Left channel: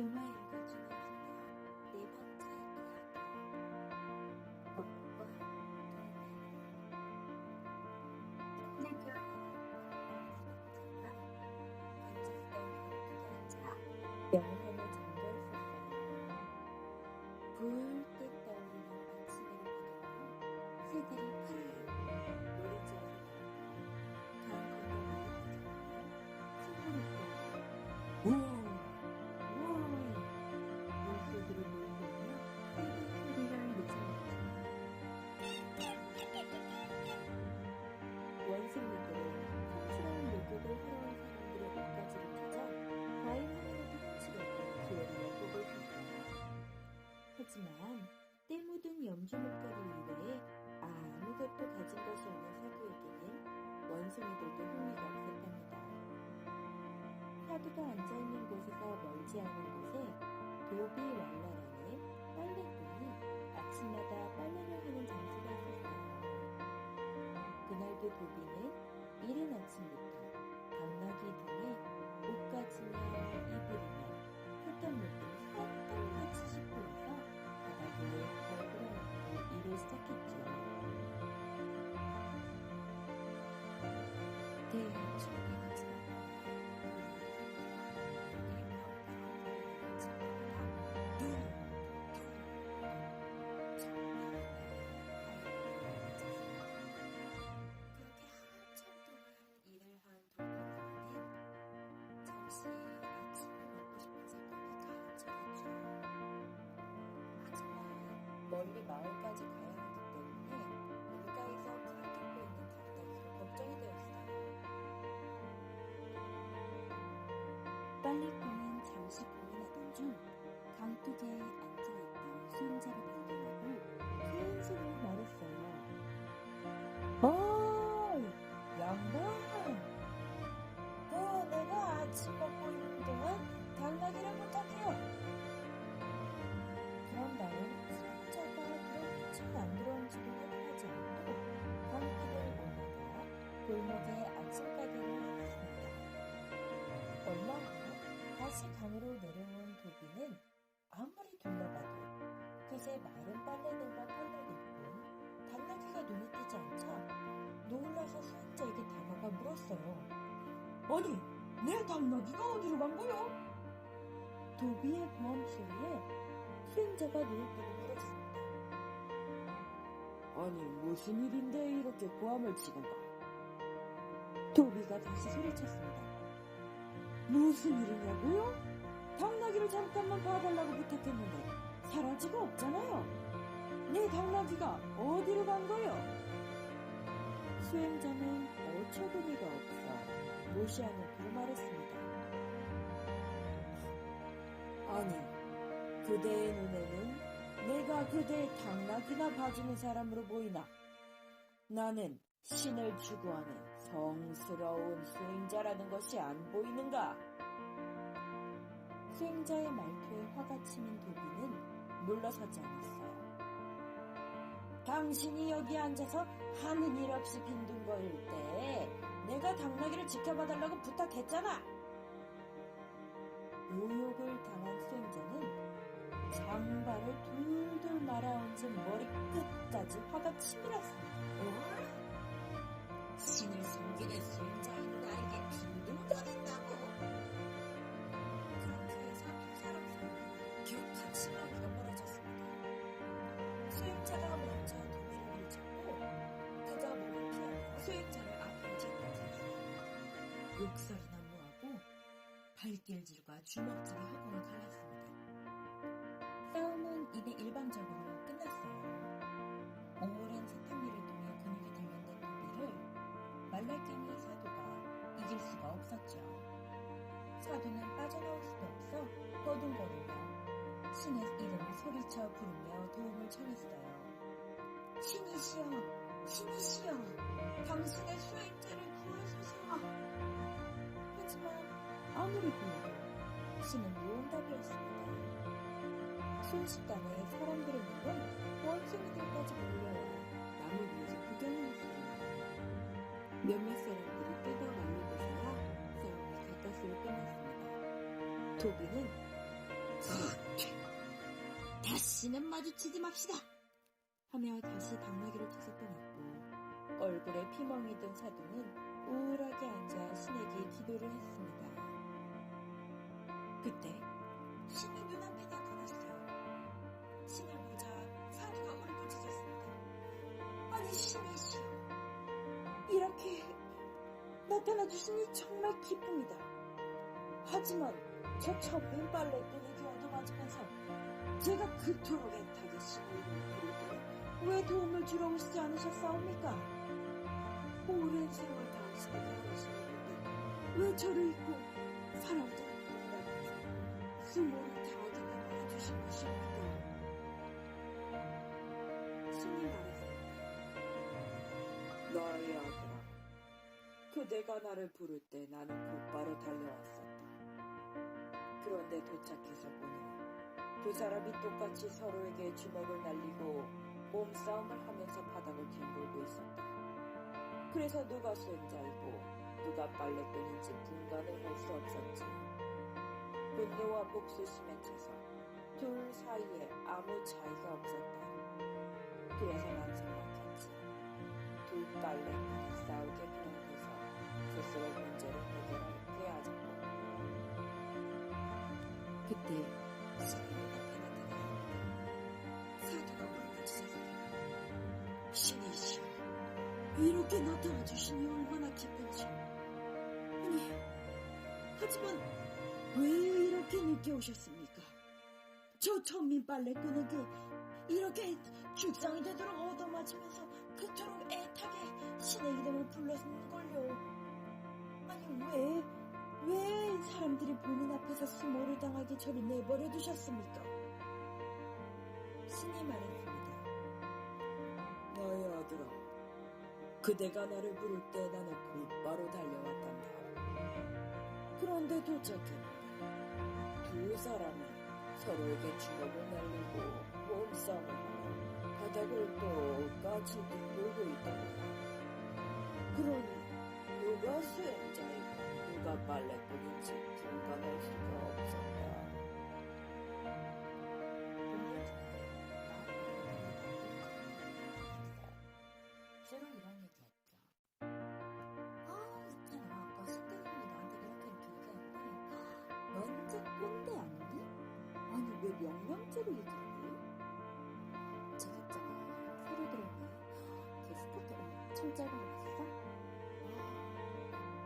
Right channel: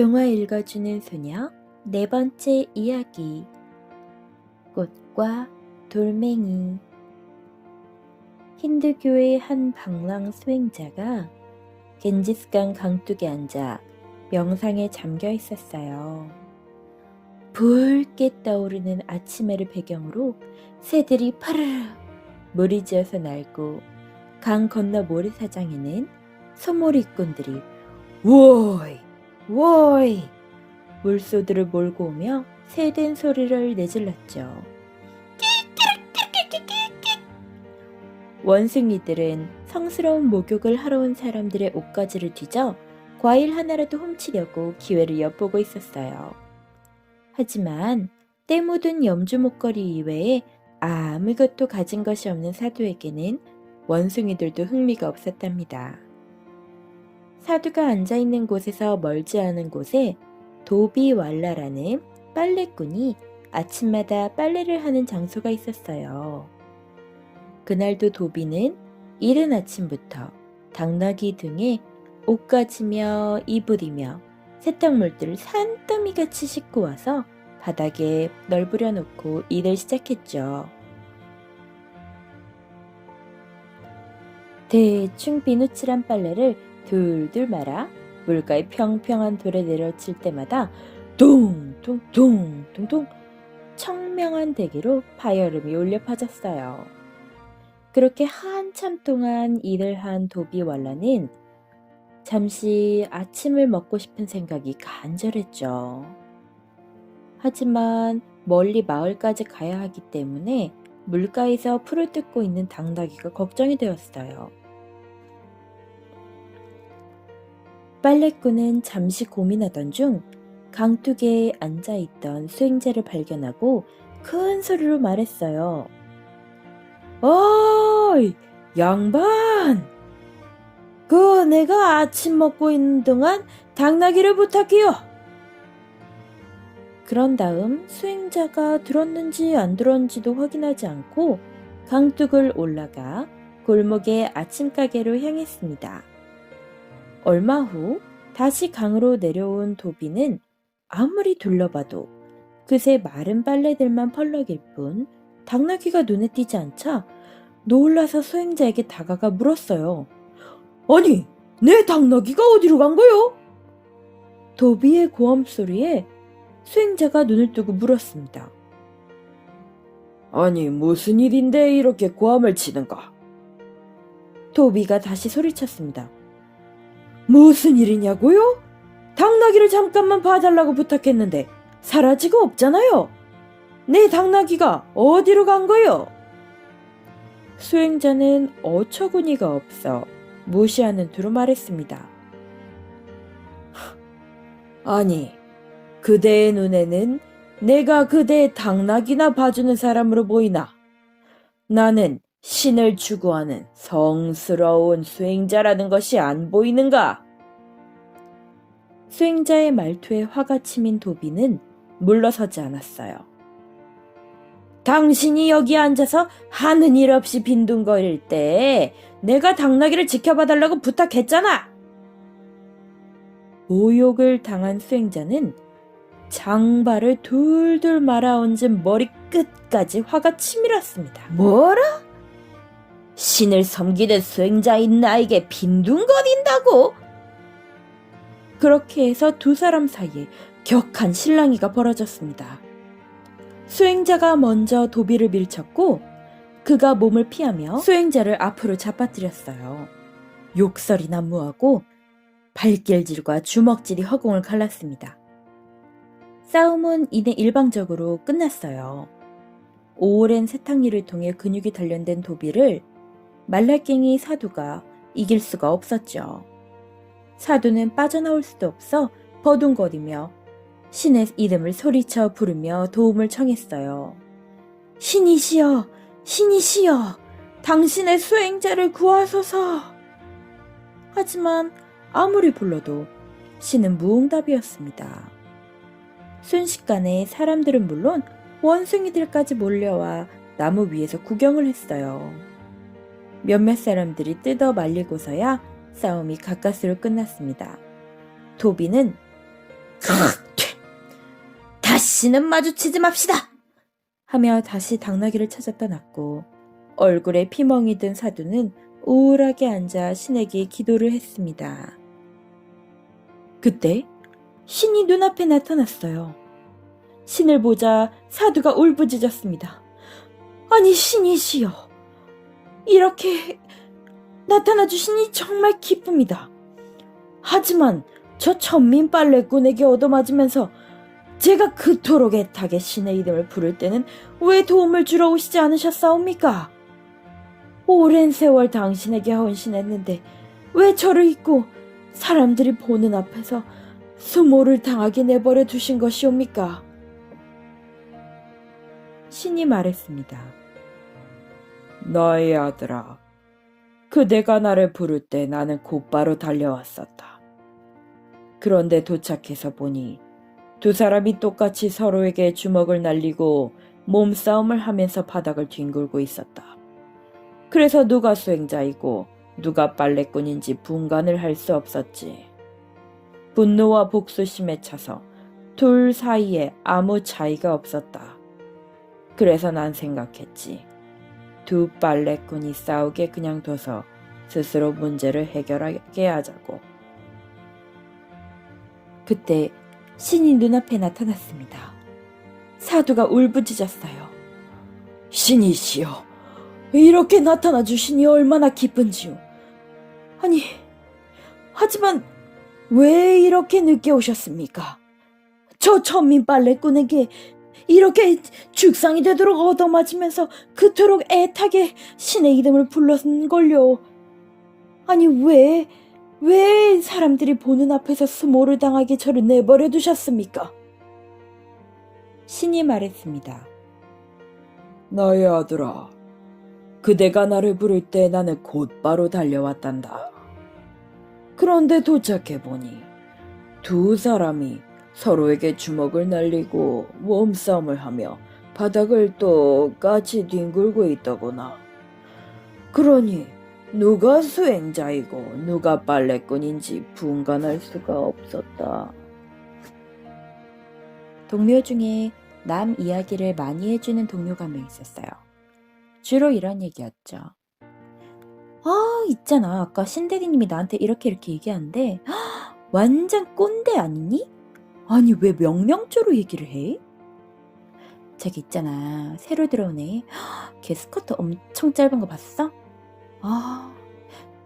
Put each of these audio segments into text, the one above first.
동화 읽어주는 소녀 네 번째 이야기. 꽃과 돌멩이. 힌두교의 한 방랑 수행자가 겐지스강 강둑에 앉아 명상에 잠겨 있었어요. 붉게 떠오르는 아침해를 배경으로 새들이 파르르 무리지어서 날고, 강 건너 모래사장에는 소몰이꾼들이 워이 워이 물소들을 몰고 오며 새된 소리를 내질렀죠. 원숭이들은 성스러운 목욕을 하러 온 사람들의 옷가지를 뒤져 과일 하나라도 훔치려고 기회를 엿보고 있었어요. 하지만 때 묻은 염주 목걸이 이외에 아무것도 가진 것이 없는 사두에게는 원숭이들도 흥미가 없었답니다. 사두가 앉아있는 곳에서 멀지 않은 곳에 도비왈라라는 빨래꾼이 아침마다 빨래를 하는 장소가 있었어요. 그날도 도비는 이른 아침부터 당나귀 등에 옷가지며 이불이며 세탁물들을 산더미같이 싣고 와서 바닥에 널브려 놓고 일을 시작했죠. 대충 비누칠한 빨래를 둘둘 말아 물가의 평평한 돌에 내려칠 때마다 둥둥둥둥둥 청명한 대기로 파열음이 울려 퍼졌어요. 그렇게 한참 동안 일을 한 도비왈라는 잠시 아침을 먹고 싶은 생각이 간절했죠. 하지만 멀리 마을까지 가야 하기 때문에 물가에서 풀을 뜯고 있는 당나귀가 걱정이 되었어요. 빨래꾼은 잠시 고민하던 중 강둑에 앉아있던 수행자를 발견하고 큰 소리로 말했어요. 어이, 양반! 내가 아침 먹고 있는 동안 당나귀를 부탁해요. 그런 다음 수행자가 들었는지 안 들었는지도 확인하지 않고 강둑을 올라가 골목의 아침 가게로 향했습니다. 얼마 후 다시 강으로 내려온 도비는 아무리 둘러봐도 그새 마른 빨래들만 펄럭일 뿐 당나귀가 눈에 띄지 않자 놀라서 수행자에게 다가가 물었어요. 아니, 내 당나귀가 어디로 간 거요? 도비의 고함 소리에 수행자가 눈을 뜨고 물었습니다. 아니, 무슨 일인데 이렇게 고함을 치는가? 도비가 다시 소리쳤습니다. 무슨 일이냐고요? 당나귀를 잠깐만 봐달라고 부탁했는데 사라지고 없잖아요. 내 당나귀가 어디로 간 거요? 수행자는 어처구니가 없어 무시하는 투로 말했습니다. 아니, 그대의 눈에는 내가 그대의 당나귀나 봐주는 사람으로 보이나? 나는 신을 추구하는 성스러운 수행자라는 것이 안 보이는가? 수행자의 말투에 화가 치민 도비는 물러서지 않았어요. 당신이 여기 앉아서 하는 일 없이 빈둥거릴 때 내가 당나귀를 지켜봐달라고 부탁했잖아. 모욕을 당한 수행자는 장발을 둘둘 말아얹은 머리끝까지 화가 치밀었습니다. 뭐라? 신을 섬기는 수행자인 나에게 빈둥거린다고? 그렇게 해서 두 사람 사이에 격한 실랑이가 벌어졌습니다. 수행자가 먼저 도비를 밀쳤고 그가 몸을 피하며 수행자를 앞으로 잡아뜨렸어요. 욕설이 난무하고 발길질과 주먹질이 허공을 갈랐습니다. 싸움은 이내 일방적으로 끝났어요. 오랜 세탁일을 통해 근육이 단련된 도비를 말라깽이 사두가 이길 수가 없었죠. 사두는 빠져나올 수도 없어 버둥거리며 신의 이름을 소리쳐 부르며 도움을 청했어요. 신이시여, 신이시여, 당신의 수행자를 구하소서. 하지만 아무리 불러도 신은 무응답이었습니다. 순식간에 사람들은 물론 원숭이들까지 몰려와 나무 위에서 구경을 했어요. 몇몇 사람들이 뜯어 말리고서야 싸움이 가까스로 끝났습니다. 도비는 다시는 마주치지 맙시다! 하며 다시 당나귀를 찾아 떠났고 얼굴에 피멍이 든 사두는 우울하게 앉아 신에게 기도를 했습니다. 그때 신이 눈앞에 나타났어요. 신을 보자 사두가 울부짖었습니다. 아니 신이시여, 이렇게 나타나 주시니 정말 기쁩니다. 하지만 저 천민 빨래꾼에게 얻어맞으면서 제가 그토록 애타게 신의 이름을 부를 때는 왜 도움을 주러 오시지 않으셨사옵니까? 오랜 세월 당신에게 헌신했는데 왜 저를 잊고 사람들이 보는 앞에서 수모를 당하게 내버려 두신 것이옵니까? 신이 말했습니다. 너의 아들아, 그대가 나를 부를 때 나는 곧바로 달려왔었다. 그런데 도착해서 보니 두 사람이 똑같이 서로에게 주먹을 날리고 몸싸움을 하면서 바닥을 뒹굴고 있었다. 그래서 누가 수행자이고 누가 빨래꾼인지 분간을 할 수 없었지. 분노와 복수심에 차서 둘 사이에 아무 차이가 없었다. 그래서 난 생각했지. 두 빨래꾼이 싸우게 그냥 둬서 스스로 문제를 해결하게 하자고. 그때 신이 눈앞에 나타났습니다. 사두가 울부짖었어요. 신이시여, 이렇게 나타나 주시니 얼마나 기쁜지요. 아니, 하지만 왜 이렇게 늦게 오셨습니까? 저 천민 빨래꾼에게 이렇게 죽상이 되도록 얻어맞으면서 그토록 애타게 신의 이름을 불렀는걸요. 아니 왜 사람들이 보는 앞에서 수모를 당하게 저를 내버려 두셨습니까? 신이 말했습니다. 나의 아들아, 그대가 나를 부를 때 나는 곧바로 달려왔단다. 그런데 도착해보니 두 사람이 서로에게 주먹을 날리고 몸싸움을 하며 바닥을 똑같이 뒹굴고 있더구나. 그러니 누가 수행자이고 누가 빨래꾼인지 분간할 수가 없었다. 동료 중에 남 이야기를 많이 해주는 동료가 한 명 있었어요. 주로 이런 얘기였죠. 있잖아. 아까 신대리님이 나한테 이렇게 얘기하는데 완전 꼰대 아니니? 아니 왜 명령조로 얘기를 해? 저기 있잖아. 새로 들어온 애. 걔 스커트 엄청 짧은 거 봤어?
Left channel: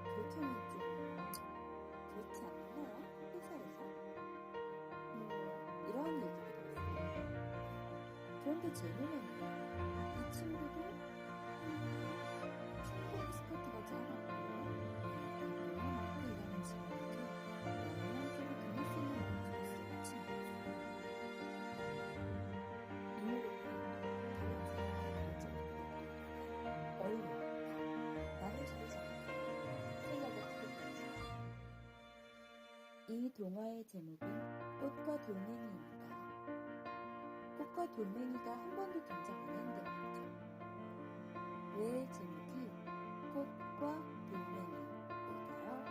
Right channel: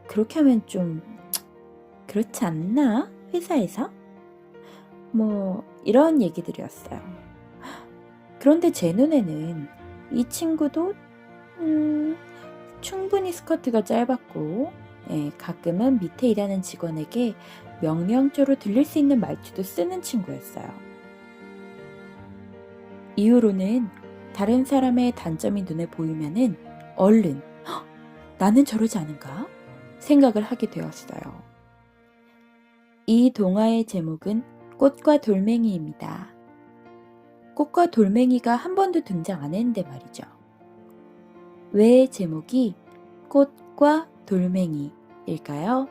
그렇게 하면 좀 그렇지 않나? 회사에서? 뭐 이런 얘기들이었어요. 그런데 제 눈에는 이 친구도 충분히 스커트가 짧았고 가끔은 밑에 일하는 직원에게 명령조로 들릴 수 있는 말투도 쓰는 친구였어요. 이후로는 다른 사람의 단점이 눈에 보이면은 얼른 나는 저러지 않은가 생각을 하게 되었어요. 이 동화의 제목은 꽃과 돌멩이입니다. 꽃과 돌멩이가 한 번도 등장 안 했는데 말이죠. 왜 제목이 꽃과 돌멩이일까요?